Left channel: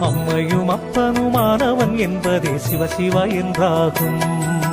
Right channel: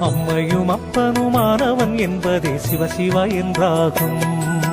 அம்மையும் அப்பனுமானவன் என்பதே சிவசிவா என்றாகும்.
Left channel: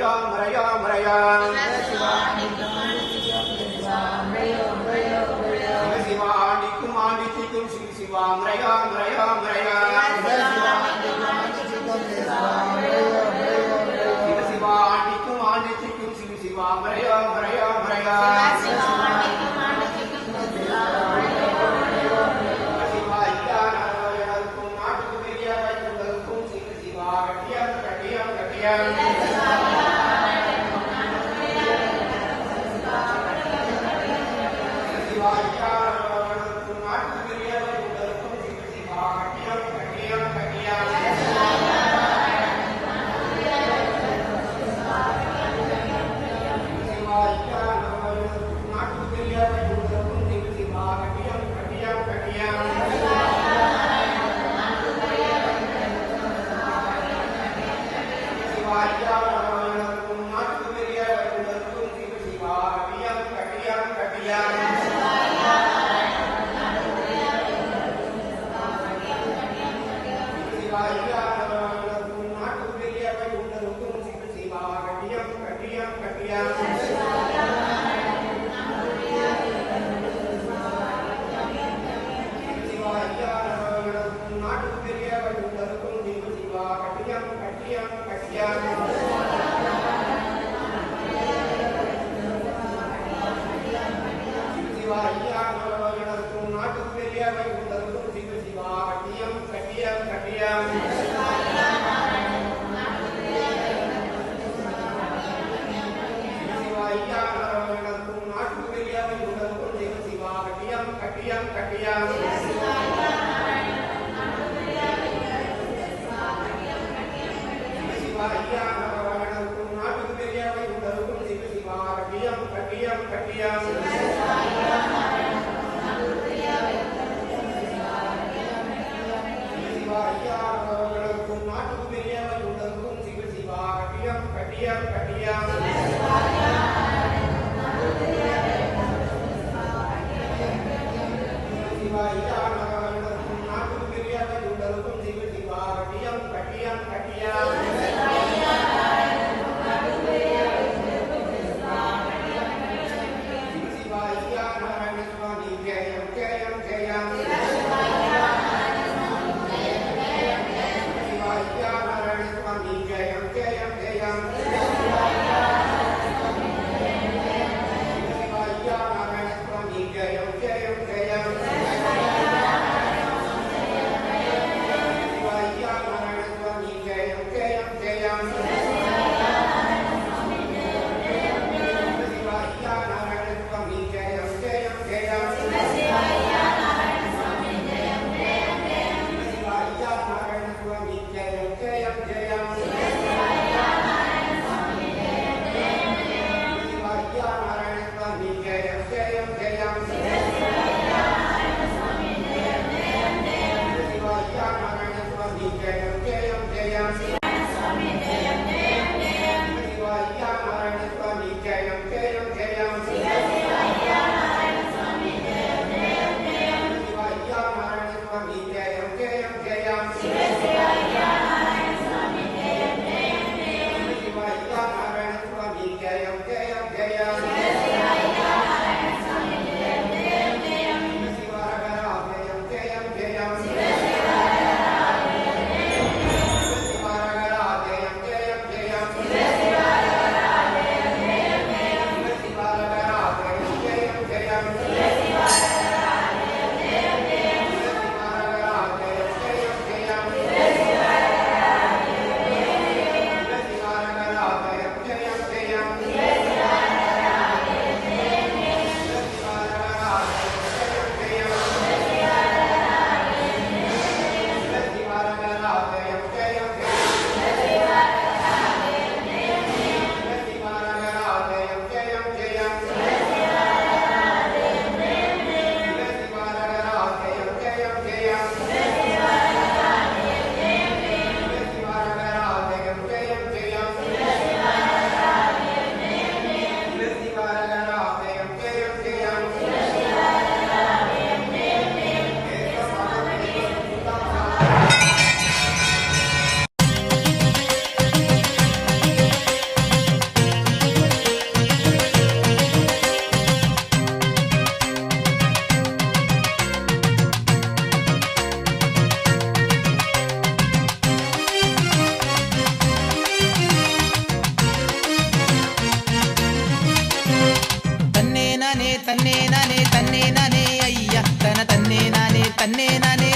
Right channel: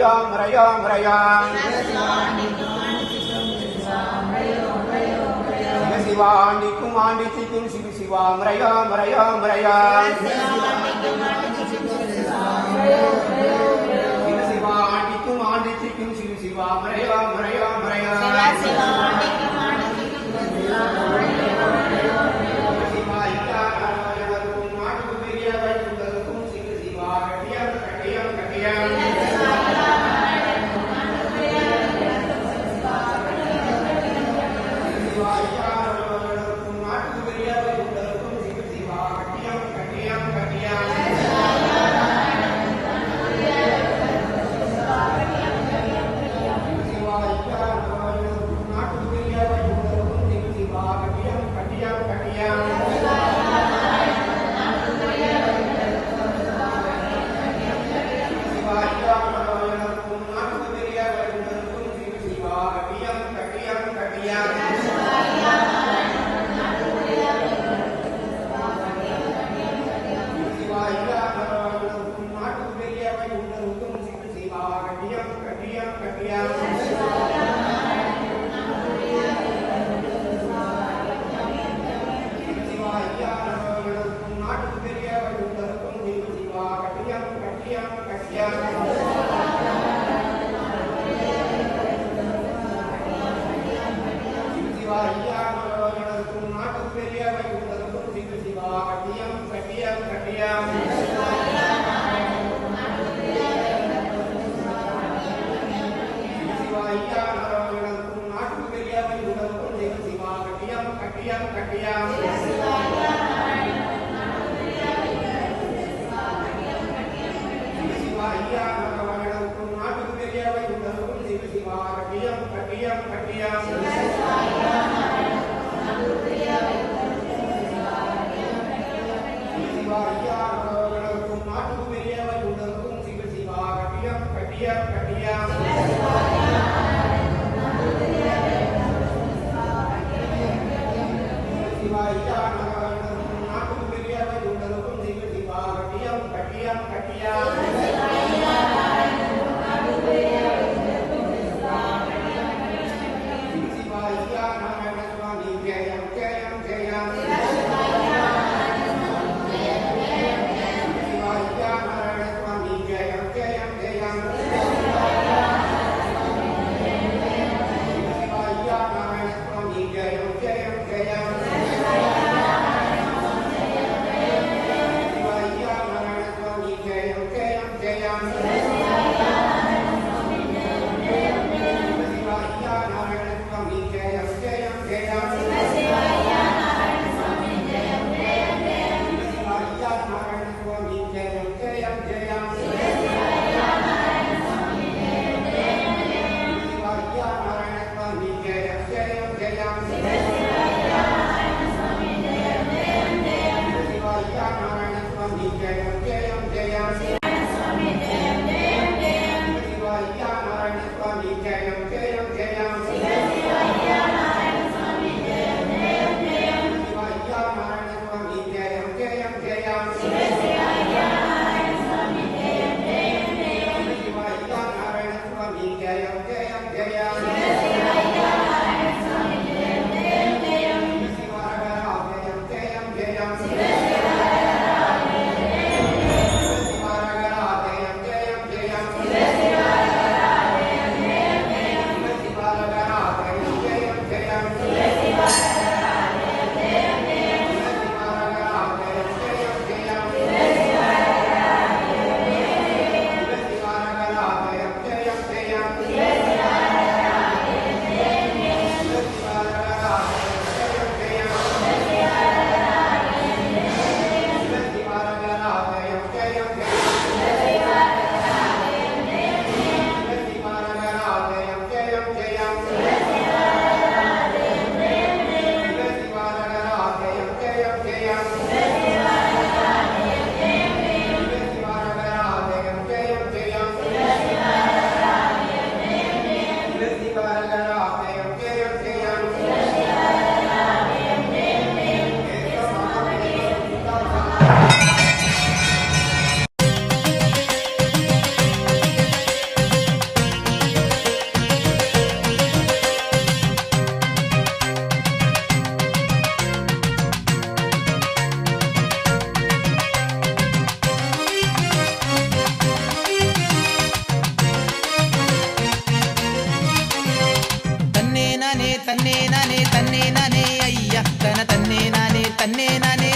హరయాం హరయాం హరయాం Shivami కుమామి చికుం Shiva శివాం హరయాం హరయాం హరయాం Shivami కుమామి చికుం Shiva శివాం హరయాం హరయాం హరయాం Yeah. Happy Hours. தன்னே நானே தன்னே நானே ஐயா. தன தன்னே நானே தன்னே நானே.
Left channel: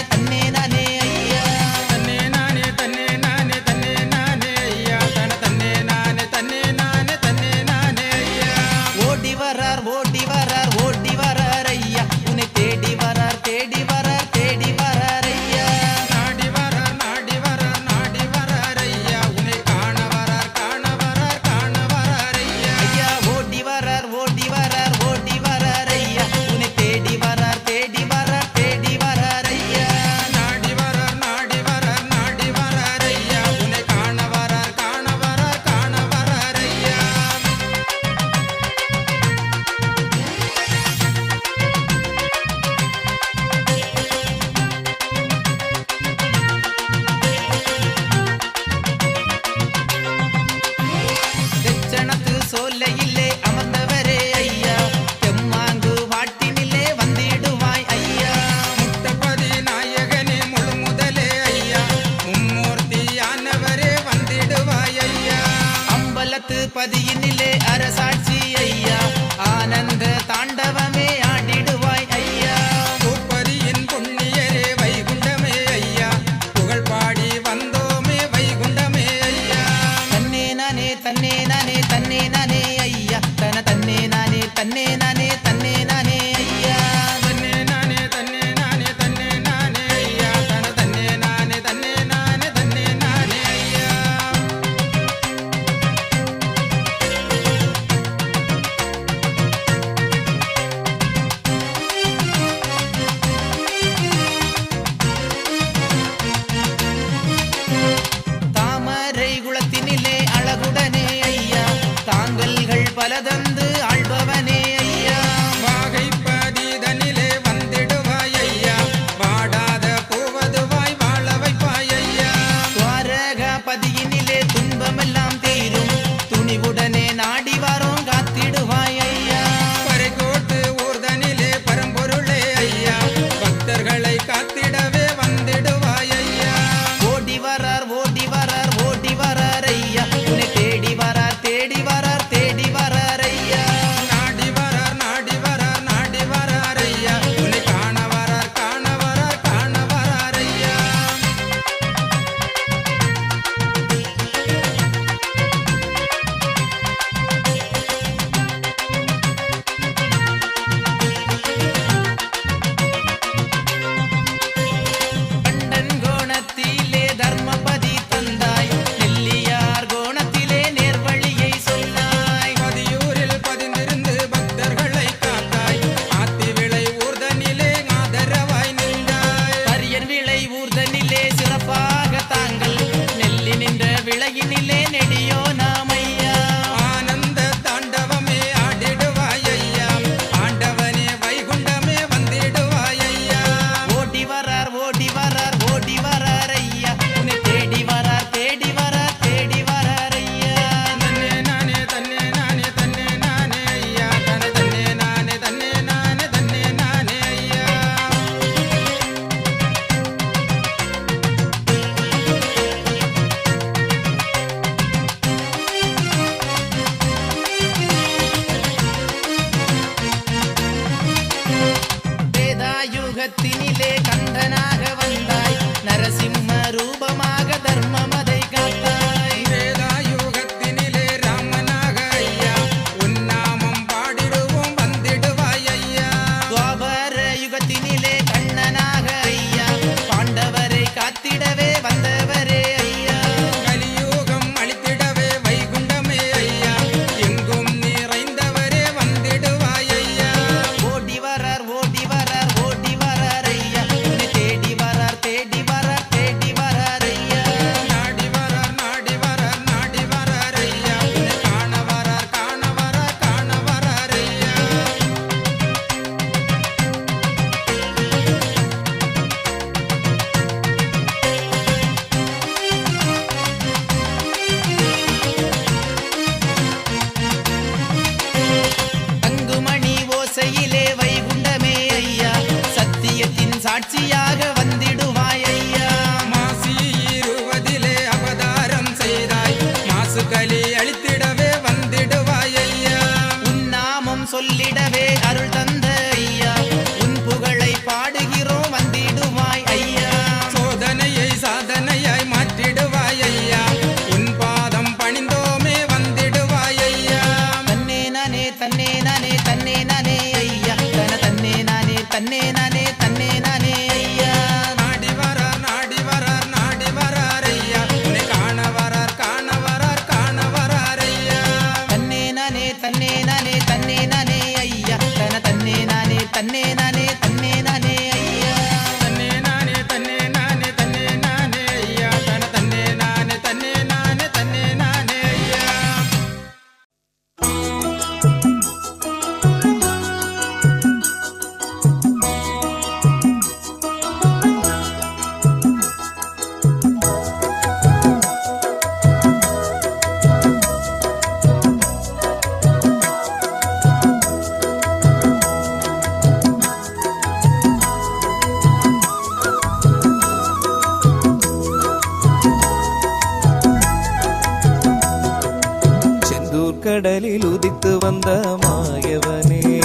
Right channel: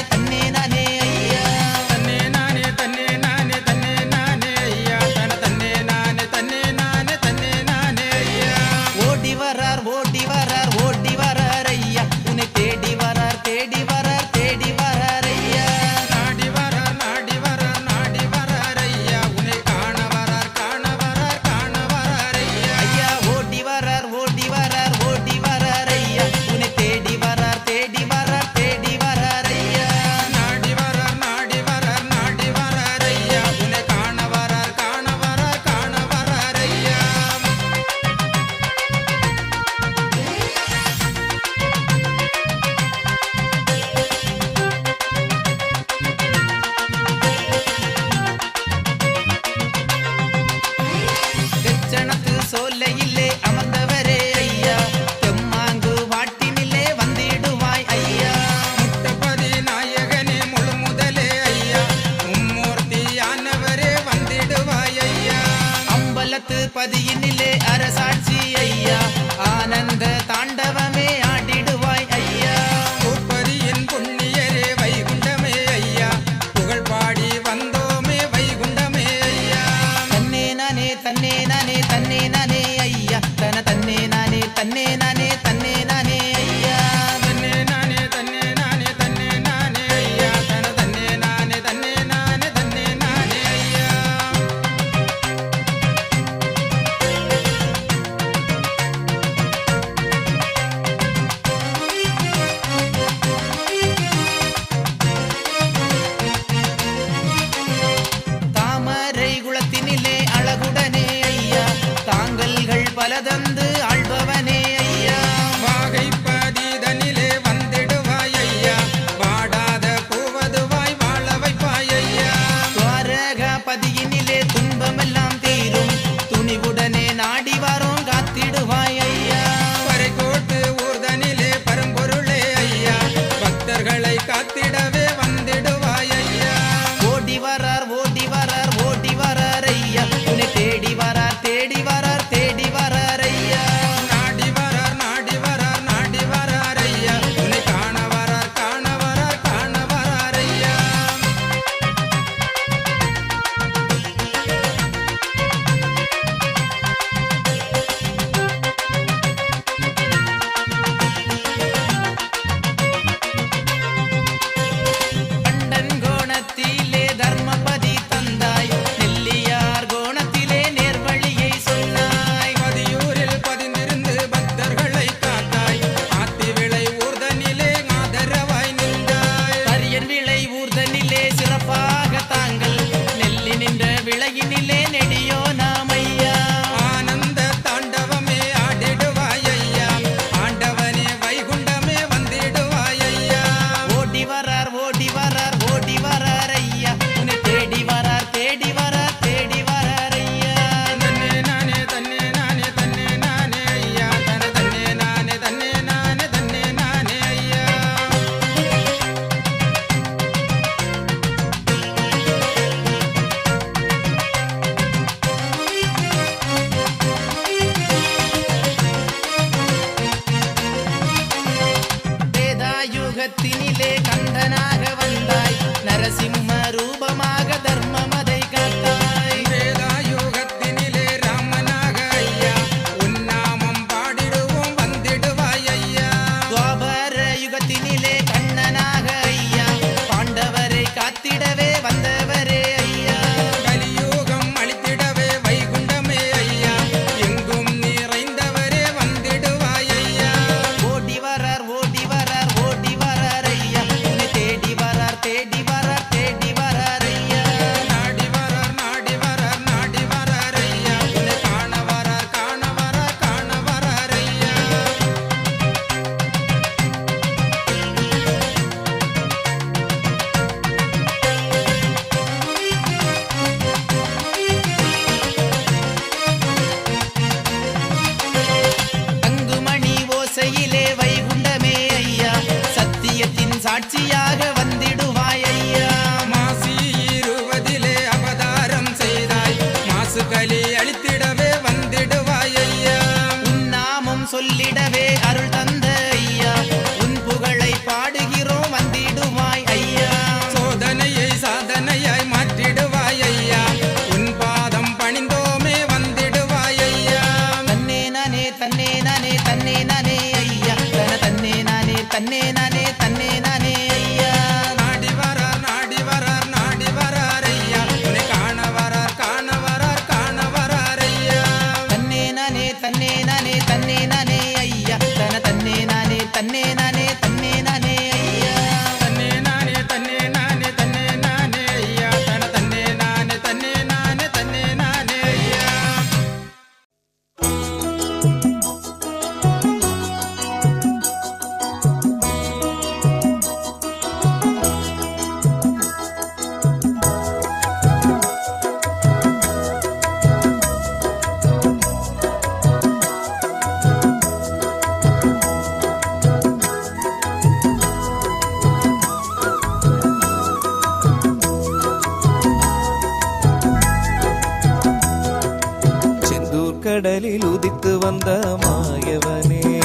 கடலில் உதித்து வந்த மாயவனே.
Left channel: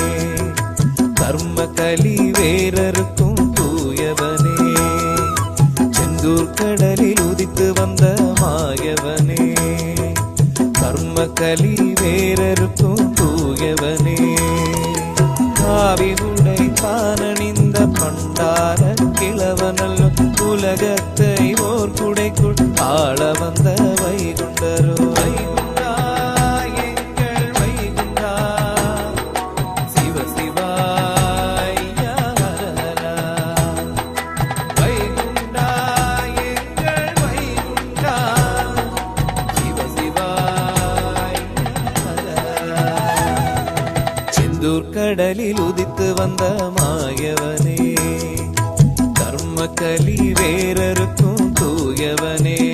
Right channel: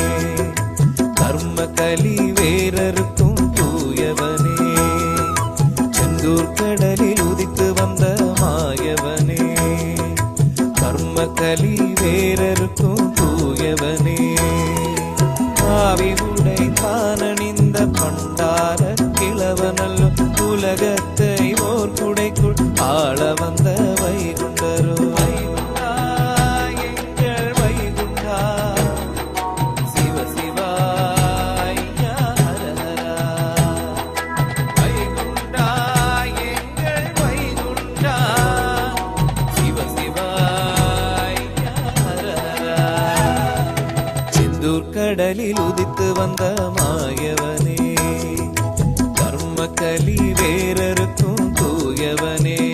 கர்ம கலி வேறருக்கும் தூயவனே. செந்தூர் கடலில் உதித்து வந்த மாயவனே. கர்ம கலி வேறருக்கும் தூயவனே. காவி உடை தானணிந்த பண்டார கிழவனல்ல உலகத்தை ஓர் குடைக்குள் ஆள வந்த வைகுண்டரோ கடலில் உதித்து வந்த மாயவனே. கர்மக்கலி வேறருக்கும் தூயவனே.